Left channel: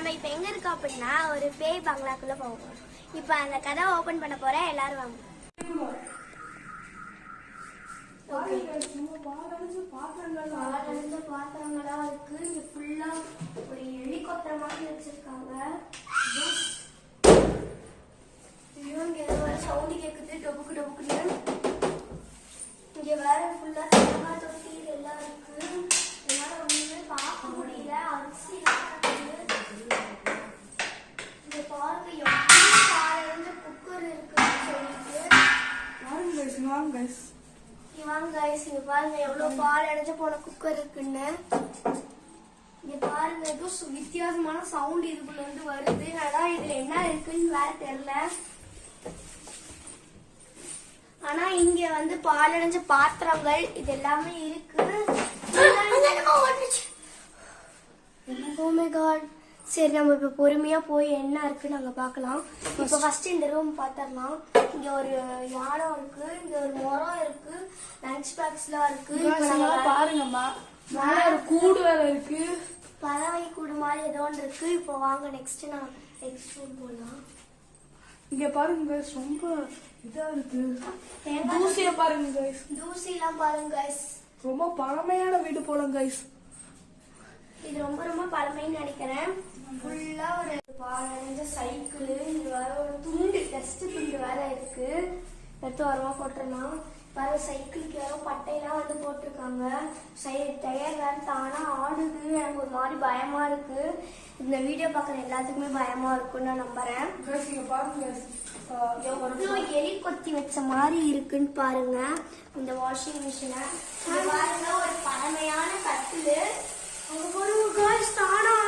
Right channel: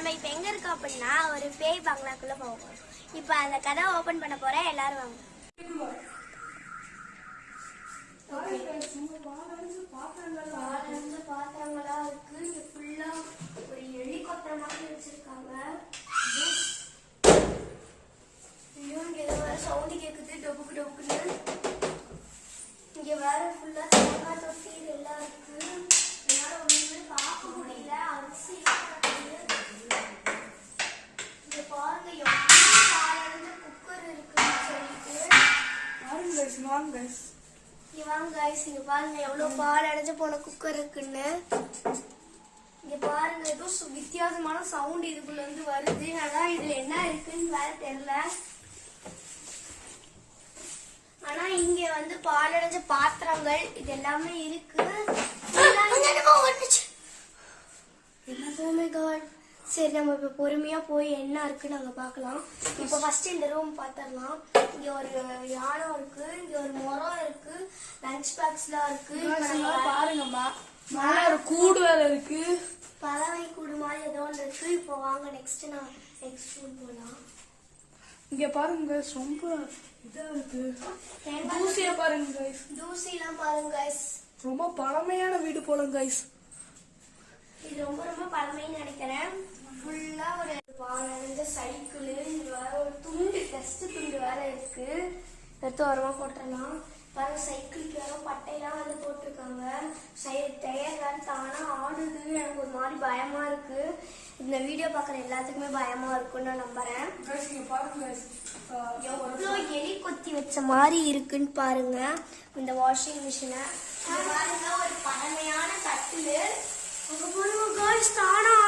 நம்ம இப்ப எங்க இருக்கோம் அப்படின்னா ஒரு பேய் பங்களாக்குள்ள போவோம். இப்ப அந்த கதை ஓபன் பண்ண போறேன், எல்லாரும் வாங்க. பாத்திரங்களா இருக்கு. இங்க ஃபுல்லா ஒரு ஹெலிகாப்டர் மாதிரி வச்சிருக்காங்க. இங்க வேற சவுண்ட் கேக்குது, டொபுக்கு டொபுக்குன்னு. இங்க வேற ஃபுல்லா தேங்காய் தொட்டி எல்லாம் இருக்கு. என்னால ஒண்ணுமே பார்க்க முடியல. அரிசி இங்க பாருங்க எவ்வளவு பாலடைஞ்ச குக்கர் இருக்குன்னு சொல்லிட்டு. வாங்க கைஸ், இங்க பாருங்க எவ்வளவு பால் அடைஞ்ச போன குக்கர் இருக்குன்னு. இங்க பாருங்க ஏதோ வித்தியாசமான சவுண்ட் இதுக்குள்ள இருந்து வருது. ஆனா இதுல என்ன இருக்குன்னு வேற தெரியல. ஆனா இங்க வந்து பால் அடைஞ்ச பாத்திரங்கள் இது எல்லாமே இருக்கு. சரி, நம்ம இப்ப பொறுமையா போய் என்ன இருக்குன்னு அங்க பாக்கலாம். இப்ப ஃபர்ஸ்ட் இந்த ரூம் பாத்திரலாம். இங்க ஒரு யானை இருக்கு, இங்க ஒரு மரம் இருக்கு, லஞ்ச் பாக்ஸ் எல்லாம் இருக்கு. பாருங்கம்மா, ஒரு கூடு வேற இருக்கு, பறவை கூடு மாதிரி ஏதோ ஒன்று இருக்கு. இப்போ வாங்க நெக்ஸ்ட் ரூம் போலாம். இங்க பாருங்க ரொம்ப இதா இருக்கு. தூசிய பாருங்க கைஸ், தூசி எல்லாம் பாருங்க கைஸ். ரொம்ப பழமையான வீடு போல கைஸ். இது ரொம்ப ரொம்ப பழமைன்னு நினைக்கிறேன். ஃபுல்லா ஒரு பாலடைஞ்ச சைக்கிள். இது வேற ஒரு துண்டு, டஸ்ட் துண்டு வேற இருக்கு. எடுத்து வரவா போட்டலாம். வேற சைக்கிளுக்கு வேற பட்டையெல்லாம் வந்து போட்டிருக்காங்க. டயர் வேற தானா ஆடுது. எனக்கு ஒரு மாதிரி பயமா இருக்கு. இந்த வீடியோ பாக்குற எல்லாத்துக்குமே பயமா இருக்குன்னு நான் நம்புறேன். எவ்வளவு எலி கொத்தி வச்ச மாதிரி இருக்குன்னு பாருங்க இந்த வாஷிங் மிஷின. பாருங்க ஒரு பழமையான கட்டிலு.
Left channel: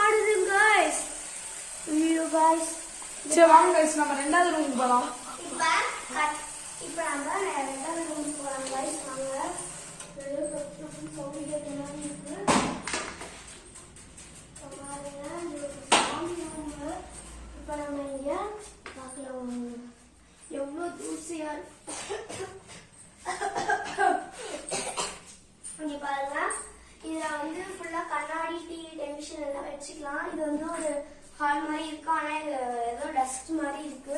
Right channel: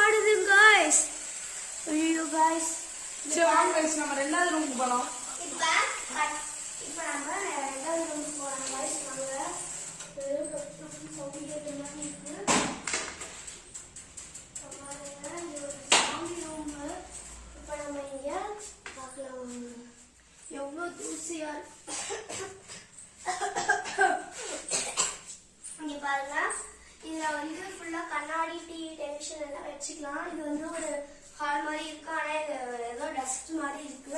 ஆடுது guys. ஐயோ guys, சரி வாங்க guys, நம்ம ரெண்டாவது ரூம் போலாம். இப்ப நம்ம ரெண்டாவது ரூம் போலாம் guys. நாங்க சவுண்ட் கேட்ட மாதிரி இருக்கு. இப்ப நம்ம இங்க பார்க்கலாம் எவ்வளவு தூசியா இங்க பாருங்க. இதுல வந்து ஃபுல்லா கண்ணாடி, டிவி, டெலிவிஷன் எல்லாம் வச்சுக்கலாம். இது வந்து ஒரு ஹால் மாதிரி இருக்கு. ஆனா இது ஏதோ டஸ்ட் மாதிரி இருக்கு.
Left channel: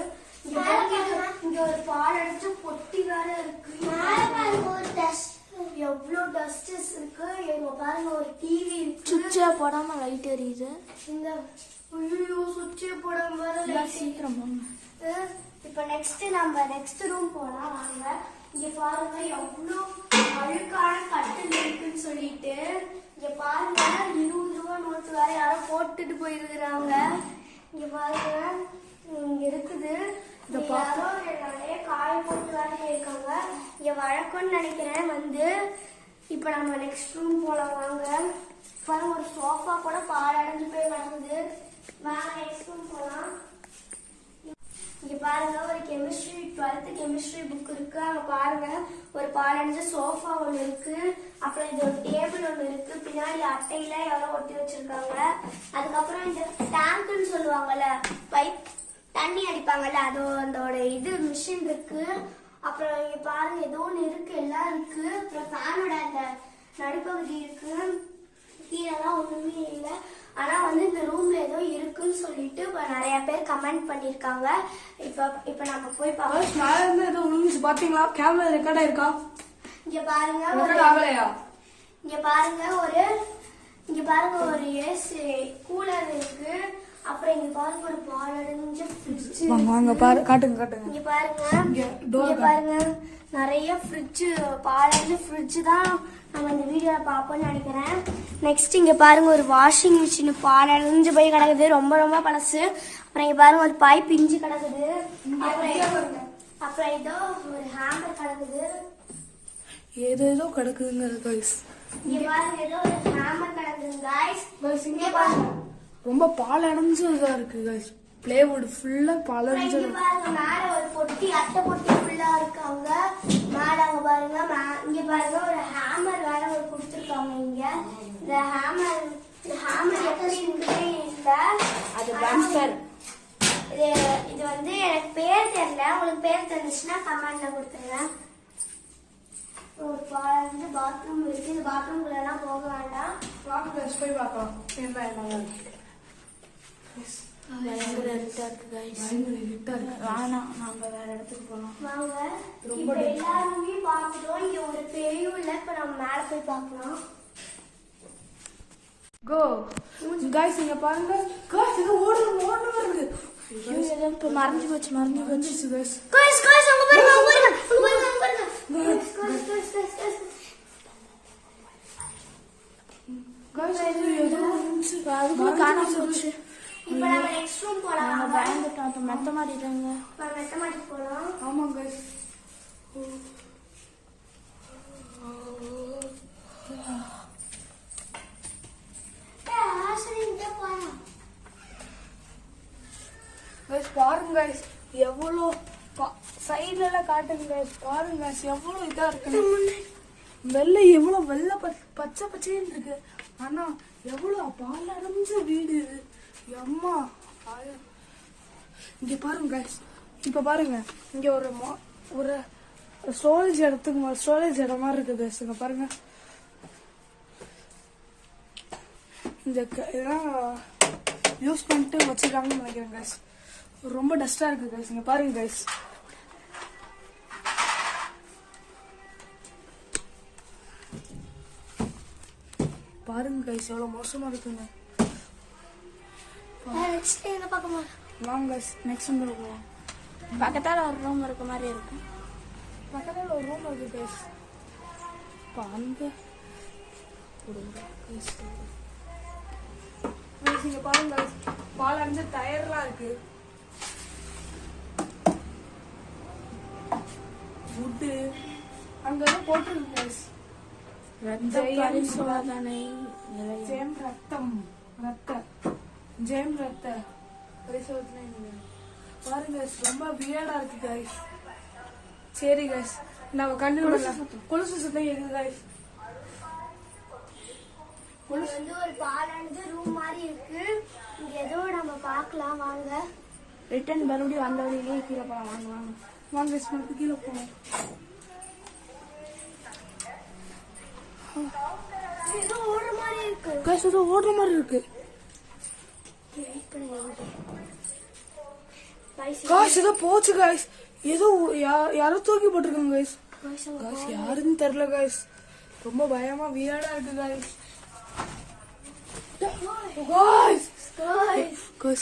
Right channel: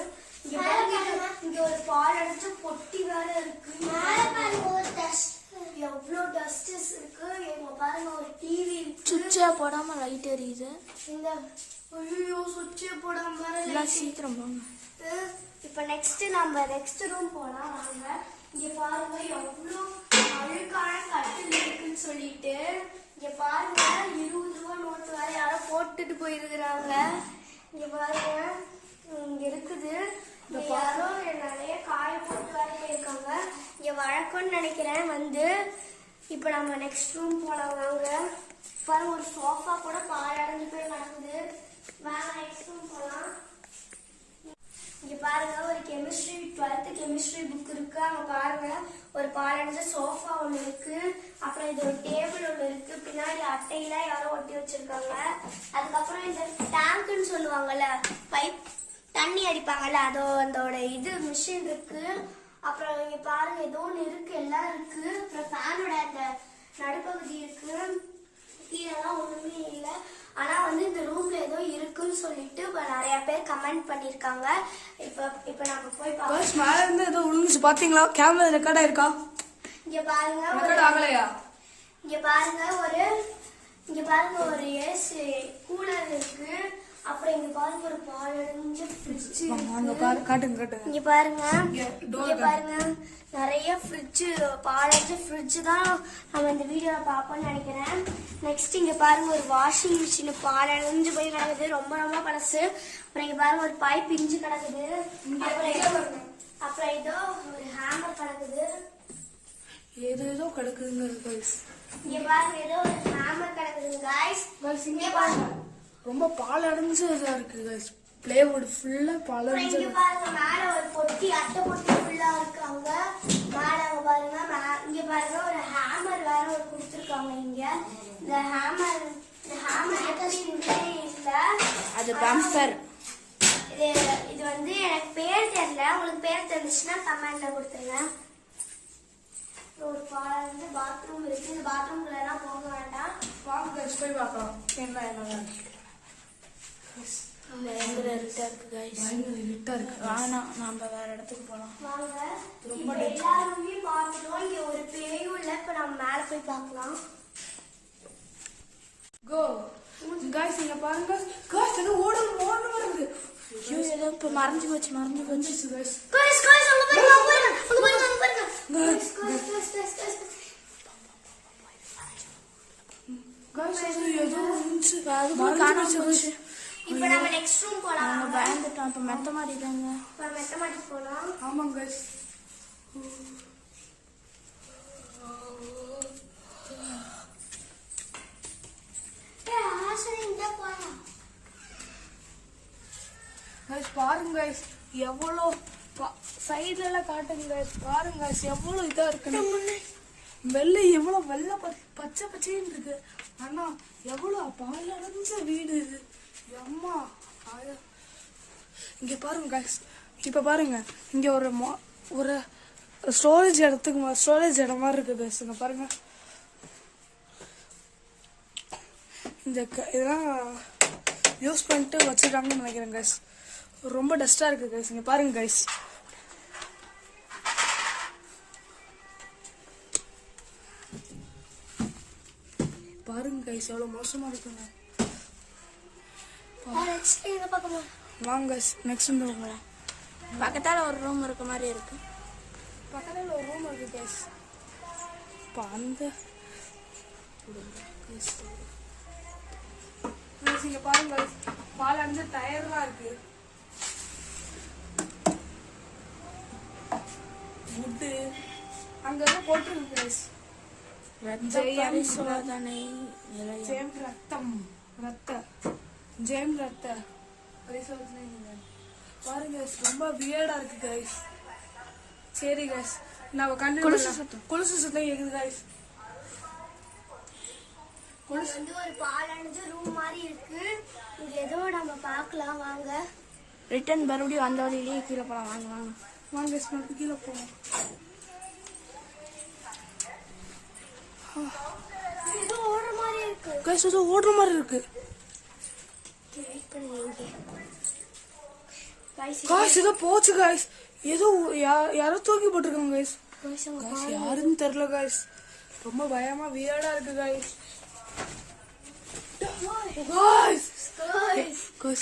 இங்க ஒரு பால் அடிச்ச பொட்டி வேற இருக்கு. எவ்வளவு டஸ்டஸ் இருக்கு. இங்க பாருங்க ஒரு டிவி இருக்கு. சுவிட்சே போடாம லைட் எரியுது. இந்த ஐயோ சுவிட்சே போடாம வேற சீக்கிரம் போங்க. இப்ப நெக்ஸ்ட் ரூம் போலாம் வாங்க. இங்க பாருங்க எவ்வளவு அழுக்கான கட்டில் இருக்குன்னு சொல்லிட்டு. இங்க பாருங்க 20 ரூபா நோட்டு வேற யாரோ போட்டுட்டு போயிருக்கிறாங்க. இங்க பாருங்க இங்க இருக்குது. யாரோ நிறைய காய போட்டு வேற இருக்காங்க. இங்க வழக்கம்னு நினைக்கிறேன். வந்து இப்ப நம்ம நெக்ஸ்ட் ரூம் போலாம் வாங்க. பாருங்க ஒரு சோஃபா கூட பால் அடைஞ்சு போய் கிடக்குது. வாங்க நெக்ஸ்ட் ரூம் போலாம். இங்க பாருங்க ஒரு 12th கெமிஸ்ட்ரி புக் இருக்கு. அங்க பாருங்க ஒரு பாலடைஞ்ச சோஃபா ஒண்ணு இருக்கு. அப்புறம் இது ஒரு டேபிள் ஒண்ணு இருக்கு. பின்னாடி அட்டையில யாரோ ஒட்டி வச்சிருக்காங்க. அதுக்கப்புறம் இந்த டேங்க்னு சொல்லுவாங்கல்ல, பைப் தண்ணி அடிப்பாங்கல்ல, அதோட இது மிஷின் இருக்கு. அப்புறம் இங்க பாருங்க ஏதோ ஒண்ணு இருக்கு, எல்லாம் இருக்கு. அப்புறம் ஃபேனோட அந்த நடுப்பகுதி இருக்கு. கீழெல்லாம் ஒண்ணுமே இல்லை. ஆனா வந்து இந்த ரூம்ல ஏதோ இருக்குன்னு சொல்லிட்டு நிறைய பேர் கமெண்ட் பண்ணிருக்காங்க. இப்ப நம்ம போய் பார்க்கலாம். மேல இருந்து ஏதோ விழுந்துச்சு பாத்தீங்களா? கேமரா ரெக்கார்ட் ஆயிருக்கா? இங்க பாருங்க ஒரு ஏசி கூலர் இருக்கு. அப்புறம் இங்க பாருங்க ஒரு பாலடைஞ்ச ஃப்ரிட்ஜ். காட்டுங்க. இங்க பாருங்க நிறைய ஃப்ரிட்ஜ், பாலடைஞ்ச ஃப்ரிட்ஜ் தான் நம்ம இந்த வீடியோல பாப்போம்னு நினைக்கிறேன். நெக்ஸ்ட் இங்க பாருங்க ஒரு வாஷிங் மிஷின் பாலடைஞ்சு போய் கிடக்குது, ரொம்ப ரொம்ப பழசு. அப்புறம் இங்க பாருங்க ஒரு பைப் பிஞ்சு கிடக்குது. அப்புறம் ஏதோ ஒரு ஹேம்பர் கிடக்குது. ஏதோ கிடக்குதுங்க கைஸ். இங்க பாருங்க ஏதோ ஒரு ஹேம்பர் கிடக்குது கைஸ். இங்க பாருங்க ரொம்ப பால் அடைஞ்சதா இருக்கு கைஸ். பிளேவுட் ஃபுல்லா பால் அடைஞ்சு. இங்க பாருங்க மேல ஒரு பொட்டி, அட்டை பொட்டி ஃபுல்லா இருக்காங்க. மேல அங்க பாருங்க. இங்க பாருங்க ஒரு ஹேமர் வேற ஒரு கொடுத்திருக்காங்க. இங்க இந்த ஹேமர் எப்படி இருந்தே இல்ல, அது பம்பர். இது வந்து எனக்கு பேர் தெரியல. உங்களுக்கு பேர் தெரிஞ்சுச்சுன்னா கமெண்ட்ல கொடுத்துருங்க. ஒரு பாத்ரூம் இருக்கு. பாத்ரூம்குள்ள எல்லாம் போக வேண்டாம். வாங்க போய் பார்க்கலாம் என்ன இருக்கு गाइस இருட்டா இருக்கு வேணாம் நம்ம வேற இடத்துக்கு போலாம் வாங்க இப்போ எல்லாருமே பார்த்துட்டோம் இங்க ஒரு பேயும் இல்ல இப்ப நம்ம மேல போய் பார்க்கலாம் கோ गाइस இங்க பாருங்க गाइस இது ஓடுது வருது ஏதோ இப்ப மறைஞ்சு போச்சு गाइस guys அங்க பாருங்க गाइस இது ஏதோ இருந்துச்சு அதுக்கு காணாம போச்சு இப்போ நம்ம நெக்ஸ்ட் ரூம் போலாம் நாங்க பயந்துட்டோம் அப்ப மெத்த மாட்டிட்டாங்க நம்ம மெத்த மாடிக்கு போலாம் ஆமா गाइस ஆசைங்க போலாம் गाइस பாருங்க गाइस எவ்வளவு சைடுல காட்டுங்க गाइस பாருங்க गाइस எவ்வளவு இதா இருக்கு வெள்ளை எவ்வளவு வெள்ளை பச்சை பச்சைன்னு இருக்கு ஆனா எவ்வளவு பாலடைஞ்ச வீடு இது அம்மா இங்க பாருங்க गाइस இப்ப பாருங்க இங்க ஒரு ஸ்டோரேஜ் இடம் மாதிரி இருக்கு गाइस இங்க பாருங்க இந்த இதெல்லாம் யூஸ் பண்ணிட்டு வச்சிருக்காங்கன்னு நினைக்கிறேன் गाइस ரொம்ப டஸ்டா இருக்கு गाइस இங்க பாருங்க गाइस பாருங்க गाइस எவ்வளவு மோசமா இருக்குங்க நெக்ஸ்ட் எங்க பார்க்கணும் வாங்க गाइस நெக்ஸ்ட் ரூம் பக்கத்தால ஒரு ரூம் இருக்க மாதிரி இருக்கு பக்கத்துல ஒரு ரூம் இருக்கு गाइस அந்த गाइस இங்க பாருங்க गाइस பால் அஞ்சு டயர்லாம் இருக்கு வுட் அங்க ஏதோ போட்டுருக்கு गाइस ரத்த பரிசோதனை ஜெயம் ரத்த பரிசோதனை பாருங்க guys ரொம்ப வியர்டா இருக்கு गाइस சரி गाइस நம்ம கண்ணு குலுசு சுத்தம் கேக்குது गाइस இது வந்து ஒரு பாலஞ்சு ரூம் மாதிரி இருக்கு இங்க ஏதோ நம்ம பார்க்கலாம் வாங்க ரிட்டர்ன் மறுபடியும் அந்த வழியிலேயே கீழே போலாம் வாங்க guys மறுபடியும் கீழே போலாம் ஏதோ ஓடுற மாதிரி இருக்கு गाइस ஏதோ ஓடுற மாதிரி இருக்கு गाइस ஏதோ போச்சு गाइस ஏதோ யாரோ தூக்கி போட்டுருக்காங்க गाइस गाइस யாருன்னு தெரியல गाइस ரொம்ப பயமா வியர்டா இருக்கு गाइस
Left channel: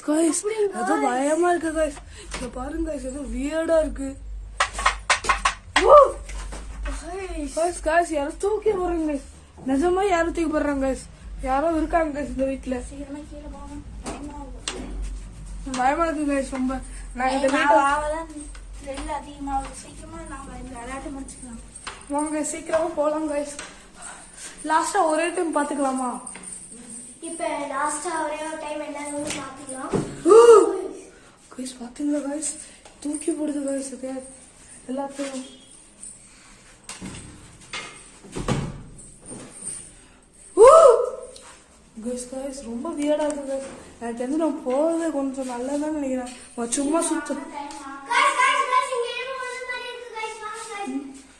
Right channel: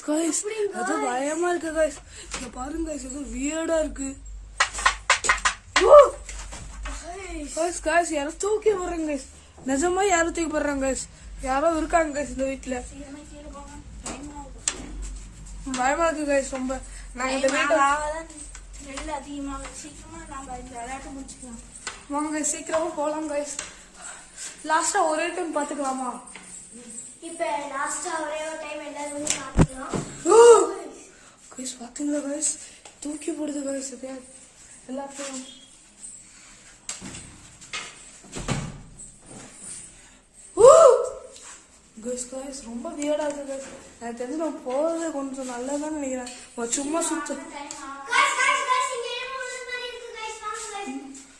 गाइस ஏதோ பயமா இருக்கு गाइस இங்க பாருங்க गाइस ஏதோ வியர்டா இருக்கு गाइस யாரோ தூக்கி போறாங்க गाइस நிஜமா யாரோ தூக்கி போறாங்க गाइस யாரோ இருக்காங்க गाइस இந்த வீட்ல பயமா இருக்கு गाइस ரொம்ப நான் இந்த வீட்டை வாங்க சீக்கிரமா போலாம் गाइस லாஸ்டா ஒரே டைம் பாத்துக்கலாமா இப்ப லாஸ்டா ஒரே ஒரு டைம் எல்லாரும் பார்க்கலாம் गाइस பாத்தீங்களா गाइस தூக்கி போடுது गाइस எல்லாத்தையும் गाइस ரொம்ப வியர்டா இருக்கு गाइस நான் தெரிஞ்சு நான் போறதே கொஞ்சம் நல்லதான்னு நினைக்கிறேன் சும்மா சுத்து guys இங்க ஏதோ ஒரு மாதிரி இருக்கு guys வாங்க guys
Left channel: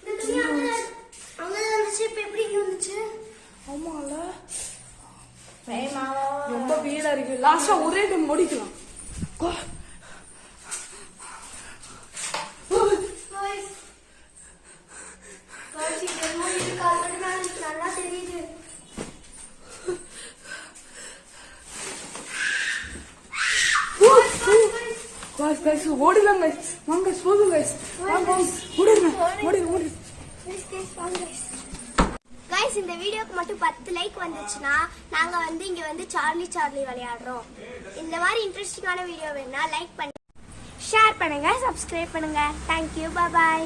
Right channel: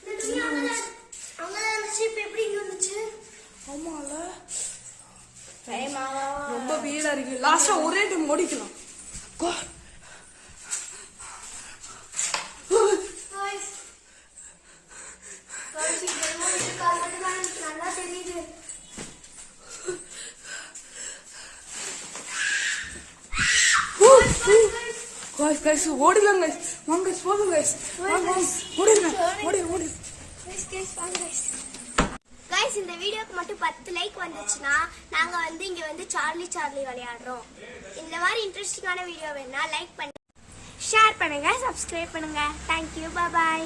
இந்த துணியா அங்க ஷிப் எப்படி இருந்துச்சு ஆமால ரொம்ப வியர்டா இருக்கு லாஸ்டா ஒரே டைம் முடிக்கலாம் guys இங்க ஏதோ ஒரு கால் நல்லா தெரியுது गाइस ஓடிலாம் गाइस வாங்க गाइस போடு गाइस வாங்க ஓடுங்க गाइस இந்த வீடியோக்கு மட்டும் 10 லைக் வந்துச்சுனா நாங்க வந்து இங்க வந்து சார்லி விளையாடுறோம் இந்த மாதிரி இன்ட்ரஸ்டிங்கான வீடியோ வேணா லைக் பண்ணி ஷேர் பண்ணுங்க சப்ஸ்கிரைப் பண்ணுங்க थैंक यू பை பை